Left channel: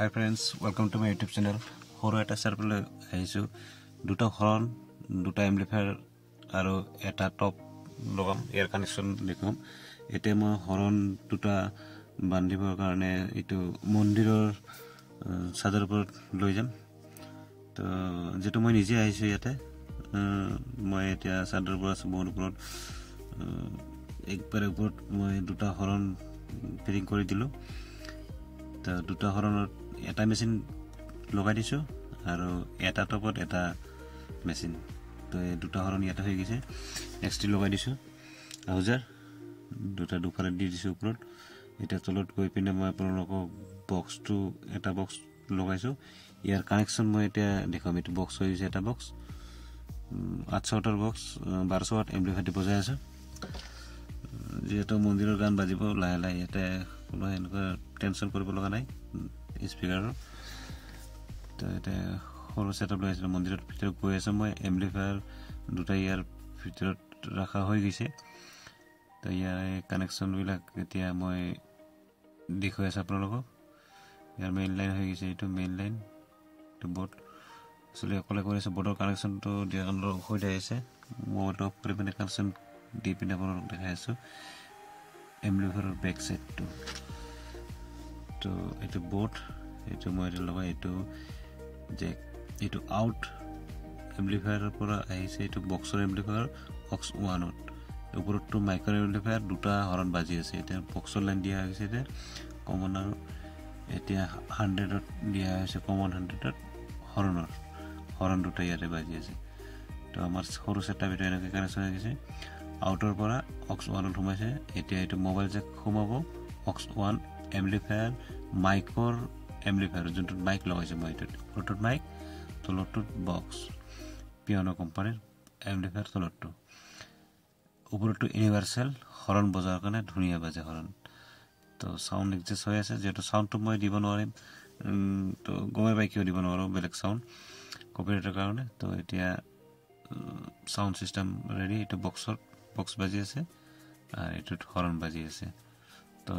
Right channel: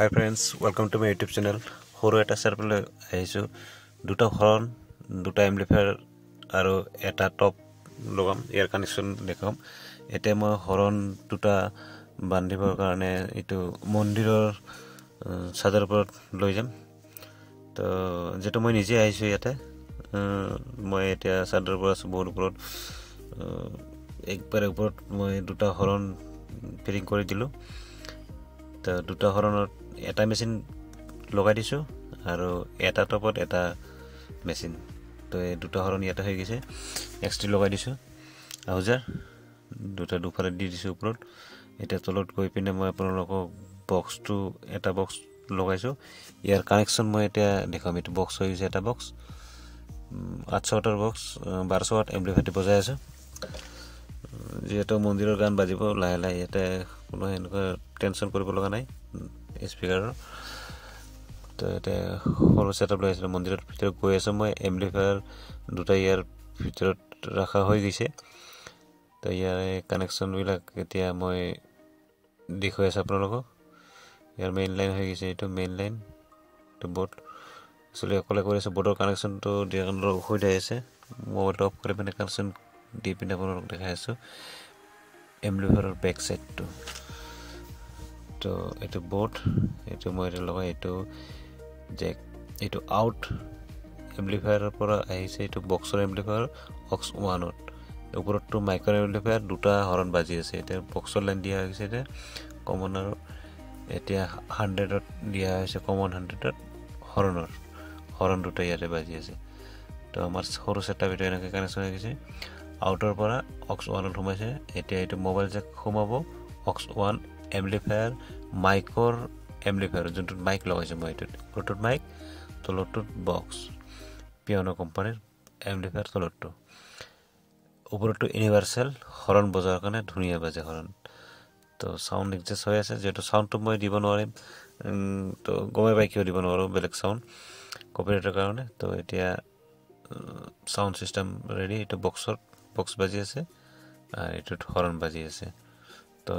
Hi friends, welcome to my YouTube channel. Horo eta serpele aisu duta horn, duta amplifier aro eta top logam air connection dekham. Ete moi horn duta bandibor karone itu mondiror sadar upor loi jam. To jeto moi nije aisu yate moi eta sadar upor asu bahut upor ekbar upor moi duta horn fitting kori dilu. তো দুটা হৰণৰ এটা machine লগাই দিছো আৰু এটা টপত এটা machine তো এই দুটা হৰণ ইয়াতে হৈ গৈছে এক্সটি লগাই দিছো আউজাৰ দুটা দুফালে দি দিছো ওপৰত এটা তলত গৈ পিনে মই আপোনালোকক বক্সটো এটা বক্স লগাইছো ইয়াৰ কানেকচন মই এটা দেখাম এটো বক্স হৈ গৈছে এটা বক্স 800 ওয়াটৰ বক্স 1200 ওয়াট এম্প্লিফায়াৰ বজাই আছো যেটো মন্দিৰৰ গান বাজিব লাহে লাহে ইয়াতে কোনো এনেকুৱা টেনশন কৰিব লগা নাই স্পিকাৰৰ তো এটা সৰু সেটআপ লৈছিল মন্দিৰৰ ভিতৰত গৈ আছে মই এম্প্লিফায়াৰ দুটা ইয়াৰ ভিতৰত ৰাখা হৈ গৈছে তো ইয়াৰ কানেকচন বিলাক এতিয়া মই দেখুৱাই আছো আপোনালোকক ইয়াৰ মেইন লাইন হৈ গৈছে এটো মেইন লাইন তো বোৰ্ড চলি অকলে কৰিছে বোৰ্ডৰ কানেকচনটো দিয়ানৰ হৈ আছে মই টপ কৰি পিনে কানেকচন দি পিনে আপোনালোকক দেখাই আছো এম্প্লিফায়াৰৰ বেক সাইডটো তো এটো বোৰ্ড এটো মই লগাই এটো জ্যাক এটো আউট এম্প্লিফায়াৰৰ পৰা আহিছে এটো বক্সৰ এম্প্লিফায়াৰ অক্স 1ত ওপৰটো মাইক্ৰ এম্প্লিফায়াৰ দুটা হৰণ বাজি আছে এটা বক্সৰ লাইন দিয়া হৈছে এটা কমন আৰু এতিয়া 100ত দিয়া হৈছে কমন 100ত হৰণ দুটা ইয়াতে বাজি আছে তো আমাৰ সৰু সেটআপ এটা এনেকৈ কানেকচন হৈ গৈছে আউটৰ পৰা অক্স 1ত সোমাইছে এতিয়া এটো মোবাইল জ্যাক সোমাব অক্স 1 এম্প্লিফায়াৰ মাইকৰ এম্প্লিফায়াৰ যোনটো মাইক লগাইছে মই এটো ওপৰটো মাইক তলটো বক্স পিয়ানো কোম্পানীৰ এম্প্লিফায়াৰ তলটো ওপৰটো ইউনিভাৰ্সাল হৰণ বজাৰ কাৰণে ধুনিয়া বাজে হৰণ তো সাউন্ড এডজাস্ট হৈ আছে যেটো সাউন্ডটো মই দিব নোৱাৰিম তো গমে পাই কিয় দিব নোৱাৰো বেলেগ সাউন্ড কপিৰাইটৰ কাৰণে তো এতিয়া সাউন্ড সিস্টেম ৰেডি এটো বক্স বাজি আছে আৰু এটো হৰণ বাজি আছে তো